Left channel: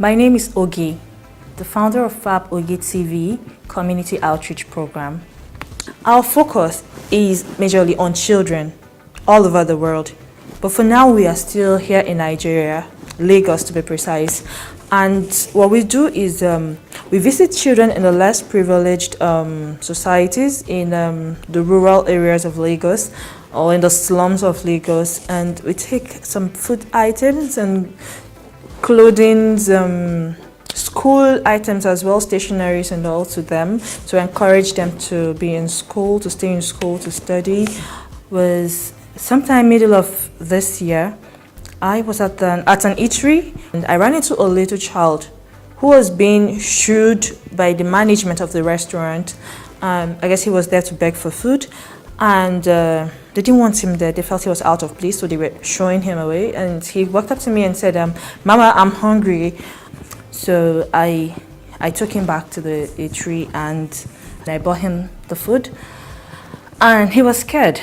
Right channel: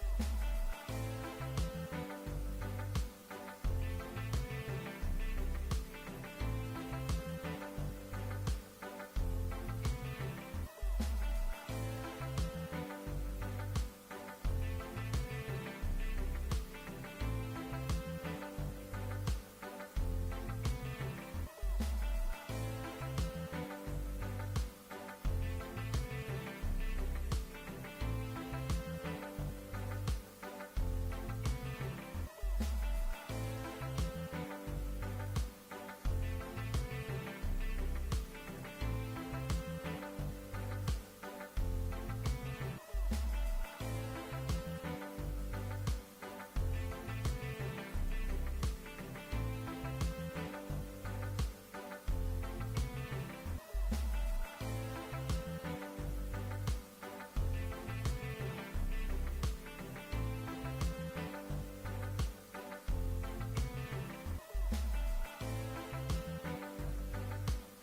My name is Ogi, the founder of FAB Ogi TV Community Outreach Program. Our focus is majorly on children all over the world, but for now we are still here in Nigeria, Lagos to be precise. And what we do is we visit children in the less privileged societies in the rural areas of Lagos or in the slums of Lagos, and we take some food items and clothing, school items as well, stationaries and all to them to encourage them to be in school, to stay in school, to study. Was sometime middle of this year, I was at an eatery and I ran into a little child who was being shooed by the management of the restaurant. I guess he was there to beg for food, and they didn't want him there. They felt he was out of place, so they were showing him away. And he walked up to me and said, "Mama, I'm hungry." So I took him back to the eatery and I bought him the food, and he was scared.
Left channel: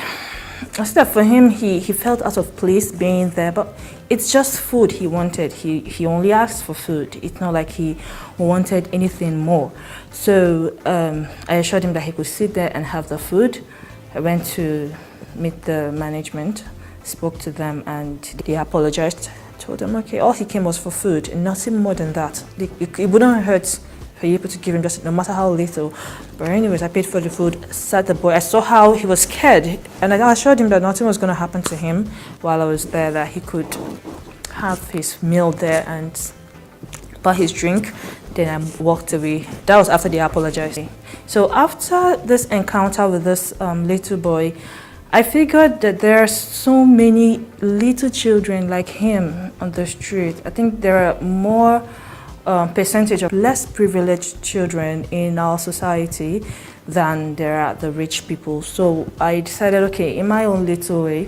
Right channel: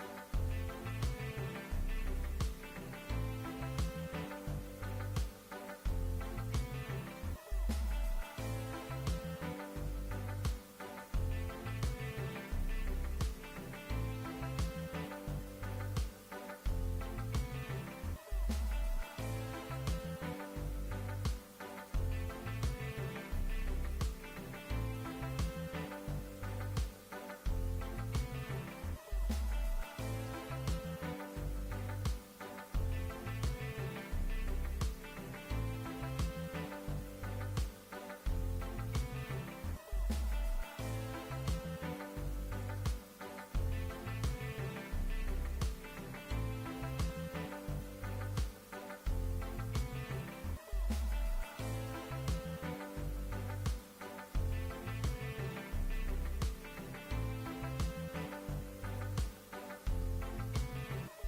I said that for him, he felt out of place being there, but it's just food he wanted. He only asked for food. It's not like he wanted anything more. So I assured him that he could sit there and have the food. I went to meet the management, spoke to them, and they apologized. Told them, okay, all he came was for food, and nothing more than that. It wouldn't hurt for you able to give him just no matter how little. But anyways, I paid for the food, sat the boy. I saw how he was scared, and I assured him that nothing was going to happen to him while I was there, that he could have his meal there and buy his drink. Then I walked away. That was after they apologized. So after this encounter with this little boy, I figured that there are so many little children like him on the street. I think there are more percentage of less privileged children in our society than there are the rich people. So I decided, okay, in my own little way,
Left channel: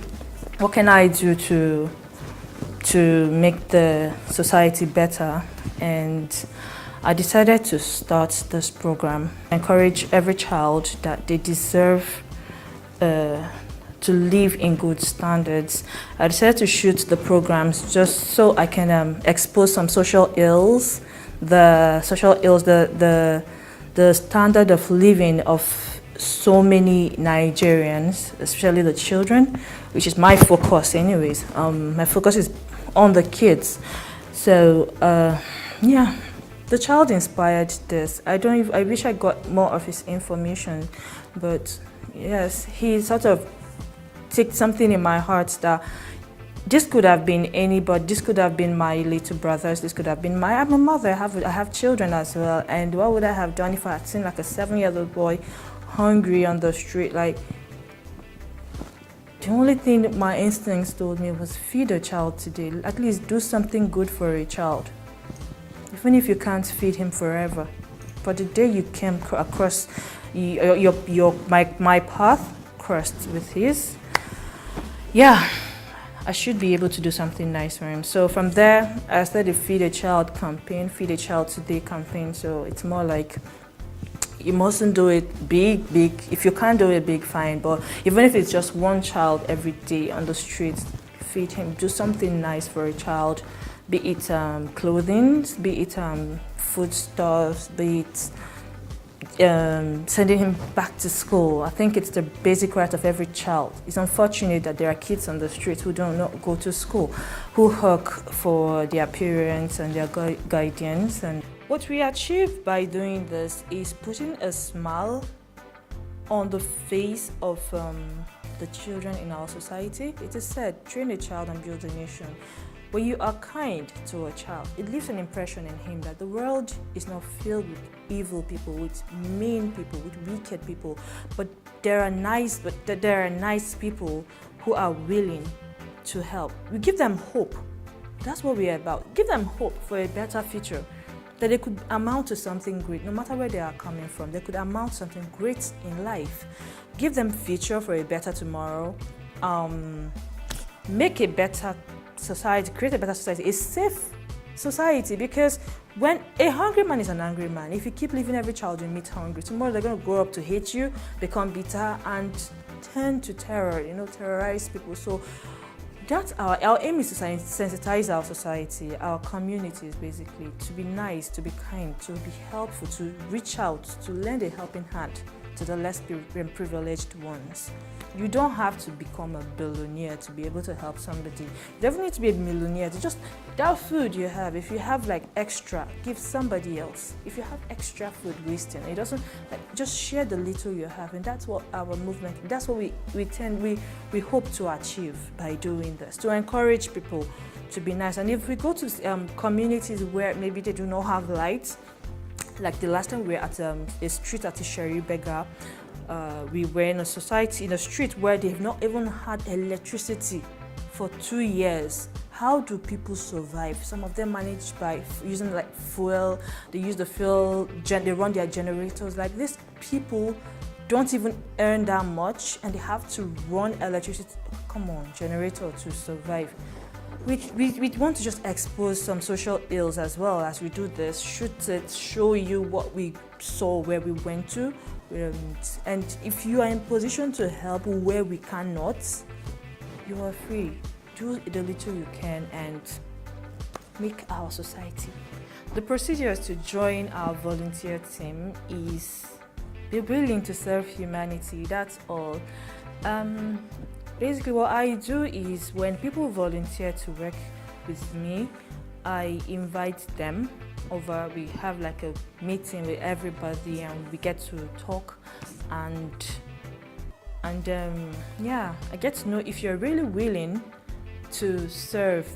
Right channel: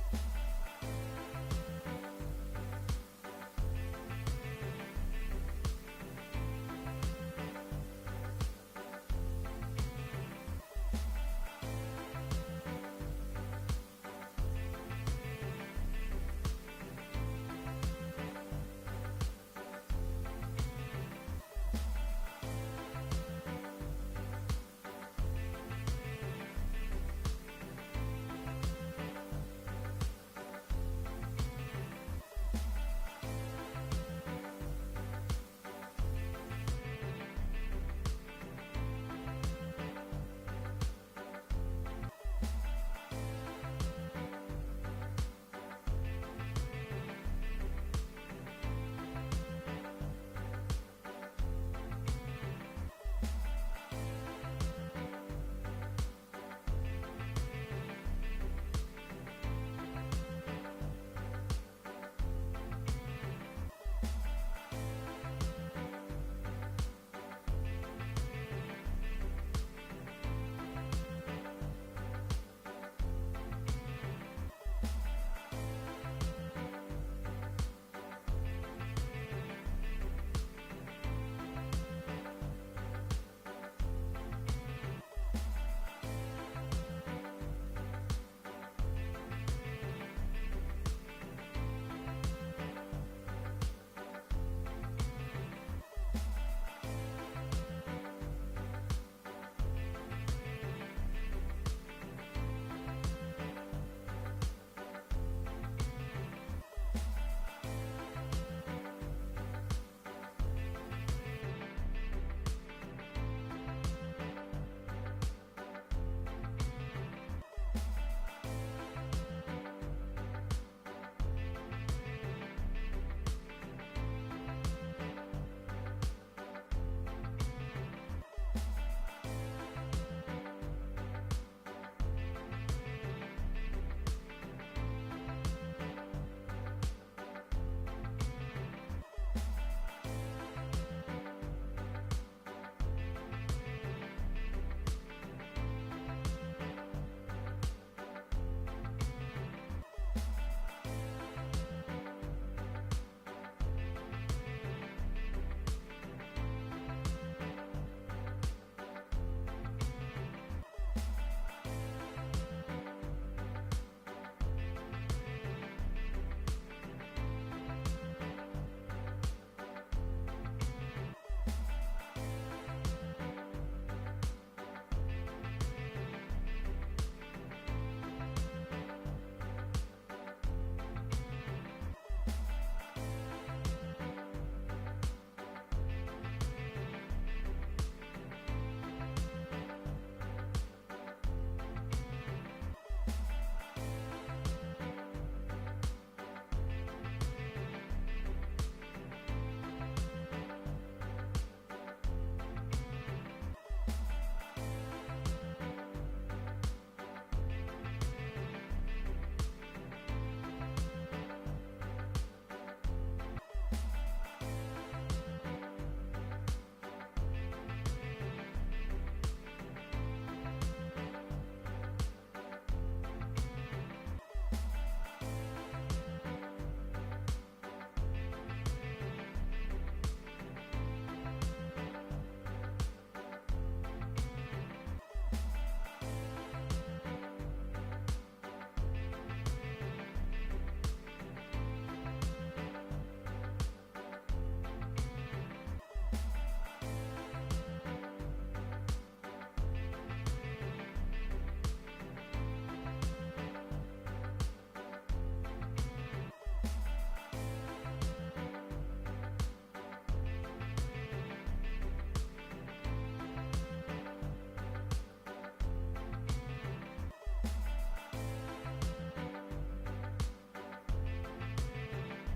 what can I do to make the society better? And I decided to start this program, encourage every child that they deserve to live in good standards. I decided to shoot the programs just so I can expose some social ills, the standard of living of so many Nigerians, especially the children, which is my focus anyways. My focus is on the kids. So yeah, the child inspired this. I wish I got more of his information, but yes, he sort of took something in my heart that this could have been anybody. This could have been my little brothers. This could have been I'm a mother. I have children as well. And what would I have done if I had seen like a 7-year-old boy hungry on the street? Like, the only thing that my instincts told me was feed a child today. At least do something good for a child, even if you can't feed him forever. But the day you came across my path crossed with his, yeah, I should be able to do something nice for him. So from there, I started the Feed a Child campaign, Feed a Child Today campaign. So it's more like, you mustn't do it big. If you can't do it big, fine. But even if it's just one child every day on the streets, feed him. Do something nice for a child, be it clothing, be it foodstuffs, be it sending him back to school. I think it's the basic right of every child. It's unfortunate that there are kids on the street who don't go to school, who hawk for their parents and their guardians. And what we achieve by doing this is putting a smile on the face of the children in our society. It is said, train a child and build a nation. When you are kind to a child, it leaves an impression in him that the world is not filled with evil people, with mean people, with wicked people, but there are nice people who are willing to help. We give them hope. That's what we are about. Give them hope for a better future, that they could amount to something great, no matter where they are coming from. They could amount to something great in life. Give them future for a better tomorrow. Make a better society, create a better society, a safe society, because when a hungry man is an angry man, if you keep leaving every child you meet hungry, tomorrow they're going to grow up to hate you, become bitter, and turn to terror, terrorize people. So that's our aim is to sensitize our society, our communities, basically, to be nice, to be kind, to be helpful, to reach out, to lend a helping hand to the less privileged ones. You don't have to become a billionaire to be able to help somebody. You don't need to be a millionaire. To just that food you have, if you have like extra, give somebody else. If you have extra food wasting, it doesn't, just share the little you have, and that's what our movement. That's what we hope to achieve by doing this, to encourage people to be nice. And if we go to communities where maybe they do not have lights, like the last time we were at a street at Isheri Bega, we were in a society, in a street where they've not even had electricity for 2 years. How do people survive? Some of them manage by using like fuel. They use the fuel, they run their generators. Like these people don't even earn that much, and they have to run electricity. Come on, generator to survive. We want to just expose some social ills as well as we do this. Shoot it, show you what we saw, where we went to. And if you are in position to help where we cannot, you are free. Do the little you can and make our society. The procedures to join our volunteer team is be willing to serve humanity. That's all. Basically, what I do is when people volunteer to work with me, I invite them over. We have like a meeting with everybody, and we get to talk, and I get to know if you're really willing to serve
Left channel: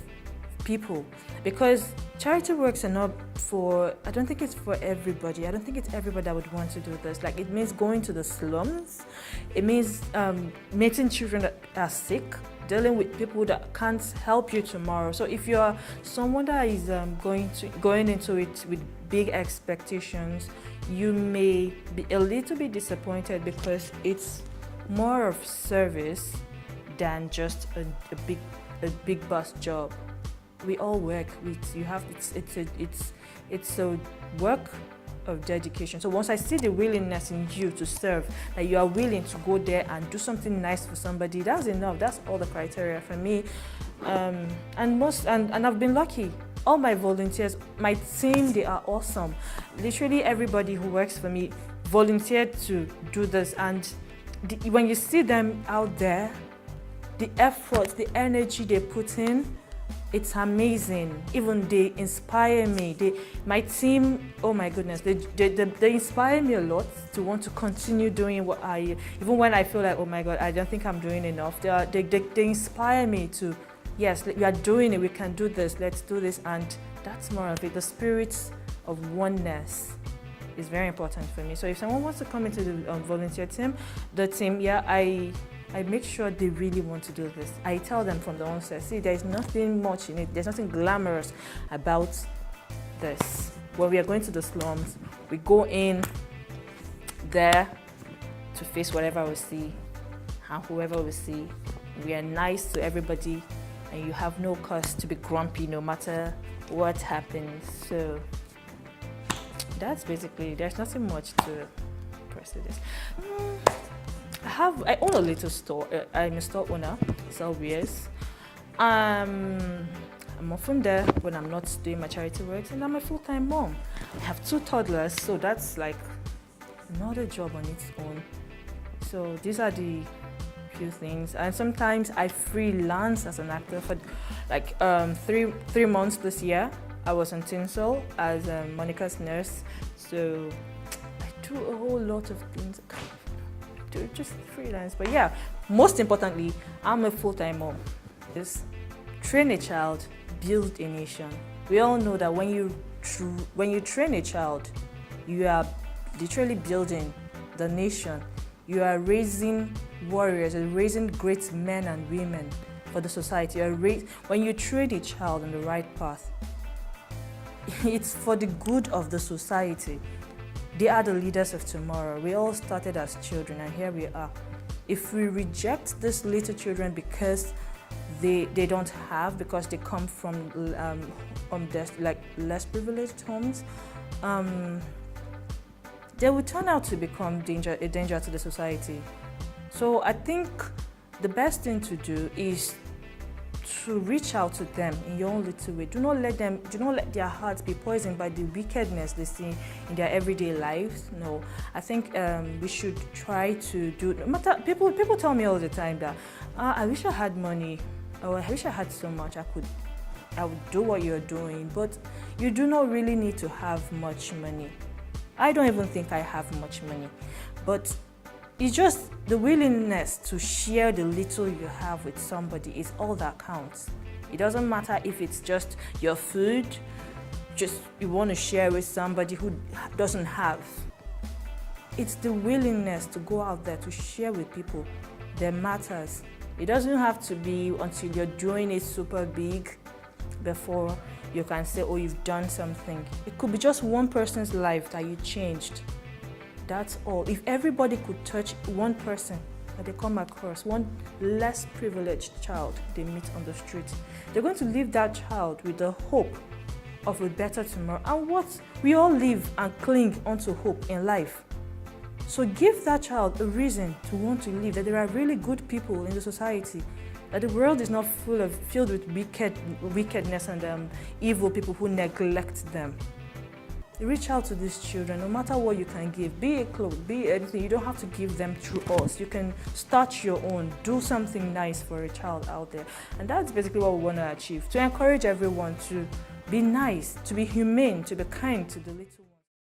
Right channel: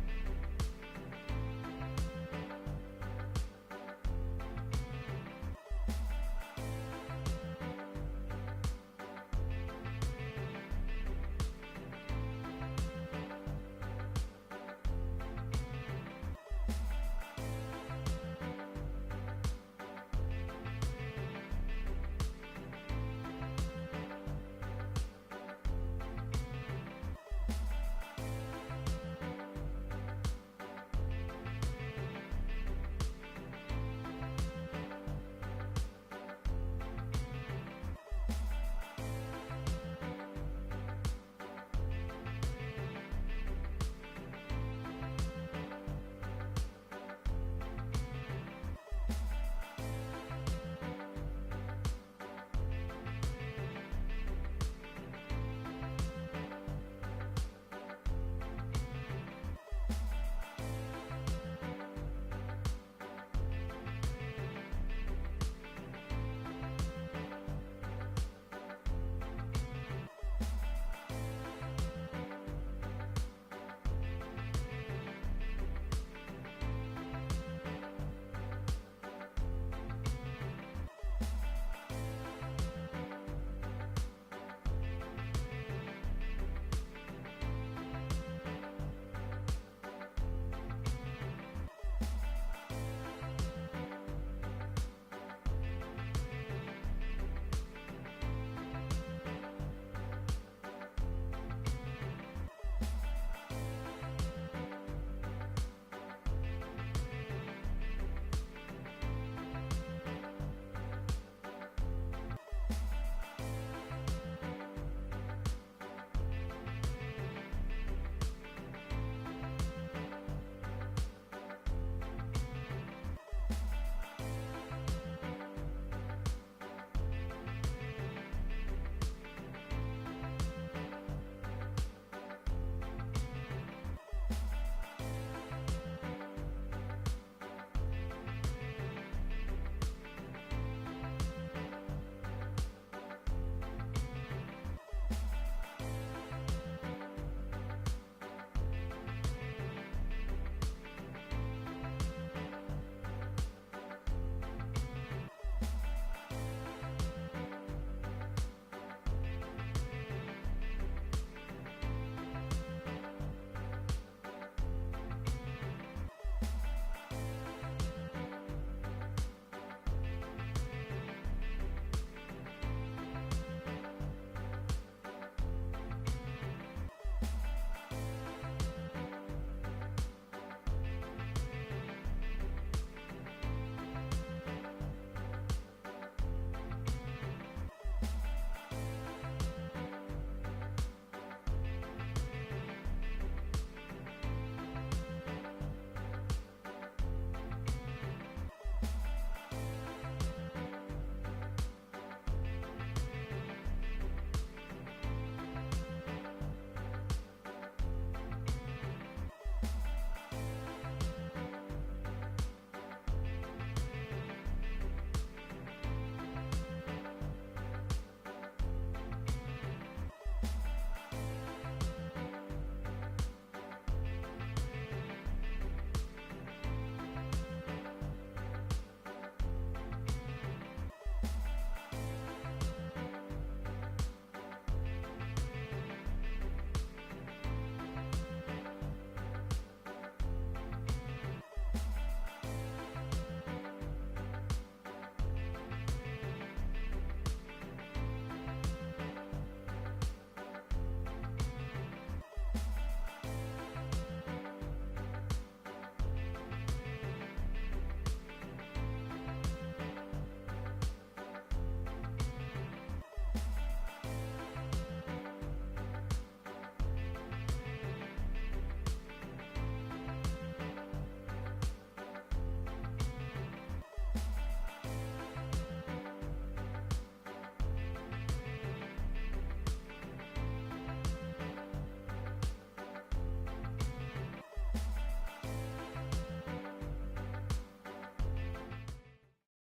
people, because charity works are not for, I don't think it's for everybody. I don't think it's everybody that would want to do this. Like, it means going to the slums. It means meeting children that are sick, dealing with people that can't help you tomorrow. So if you're someone that is going into it with big expectations, you may be a little bit disappointed, because it's more of service than just a big boss job. We all work. It's a work of dedication. So once I see the willingness in you to serve, that you are willing to go there and do something nice for somebody, that's enough. That's all the criteria for me. And I've been lucky. All my volunteers, my team, they are awesome. Literally everybody who works for me volunteered to do this, and when you see them out there, the effort, the energy they put in, it's amazing. Even they inspire me. My team, oh my goodness, they inspire me a lot to want to continue doing what even when I feel like, oh my God, I don't think I'm doing enough. They inspire me to, yes, we are doing it, we can do this, let's do this, and that's more of it. The spirit of oneness is very important for me. So if someone wants to come into the volunteer team, I make sure they really want to do this. I tell them from the onset, see, there's nothing much in it. There's nothing glamorous about this. When we are going to the slums, we go in there to face whatever we see and whoever we see. We are nice to everybody, and you have no cause to be grumpy no matter what happens. So that's basically, there's nothing much to press this. I own a little store. I'm a store owner, sell beers. I'm often there when I'm not doing my charity work, and I'm a full-time mom. I have 2 toddlers, so that's like another job on its own. So these are the few things. And sometimes I freelance as an actor for like 3 months this year. I was on Tinsel as Monica's nurse, so I do a whole lot of things. Just freelance, but yeah, most importantly, I'm a full-time mom. Just train a child, build a nation. We all know that when you train a child, you are literally building the nation. You are raising warriors, you're raising great men and women for the society. When you train a child on the right path, it's for the good of the society. They are the leaders of tomorrow. We all started as children, and here we are. If we reject these little children because they don't have, because they come from less privileged homes, they will turn out to become a danger to the society. So I think the best thing to do is to reach out to them in your own little way. Do not let their hearts be poisoned by the wickedness they see in their everyday lives. No, I think we should try to do. No matter people tell me all the time that I wish I had money, or I wish I had so much I would do what you're doing. But you do not really need to have much money. I don't even think I have much money, but it's just the willingness to share the little you have with somebody is all that counts. It doesn't matter if it's just your food, just you want to share with somebody who doesn't have. It's the willingness to go out there to share with people that matters. It doesn't have to be until you're doing it super big before you can say, oh, you've done something. It could be just one person's life that you changed. That's all. If everybody could touch one person that they come across, one less privileged child they meet on the street, they're going to leave that child with the hope of a better tomorrow. And what we all live and cling onto hope in life. So give that child a reason to want to live, that there are really good people in the society, that the world is not filled with wickedness and evil people who neglect them. Reach out to these children, no matter what you can give, be it clothes, be it anything. You don't have to give them through us. You can start your own, do something nice for a child out there. And that's basically what we want to achieve, to encourage everyone to be nice, to be humane, to be kind to the little.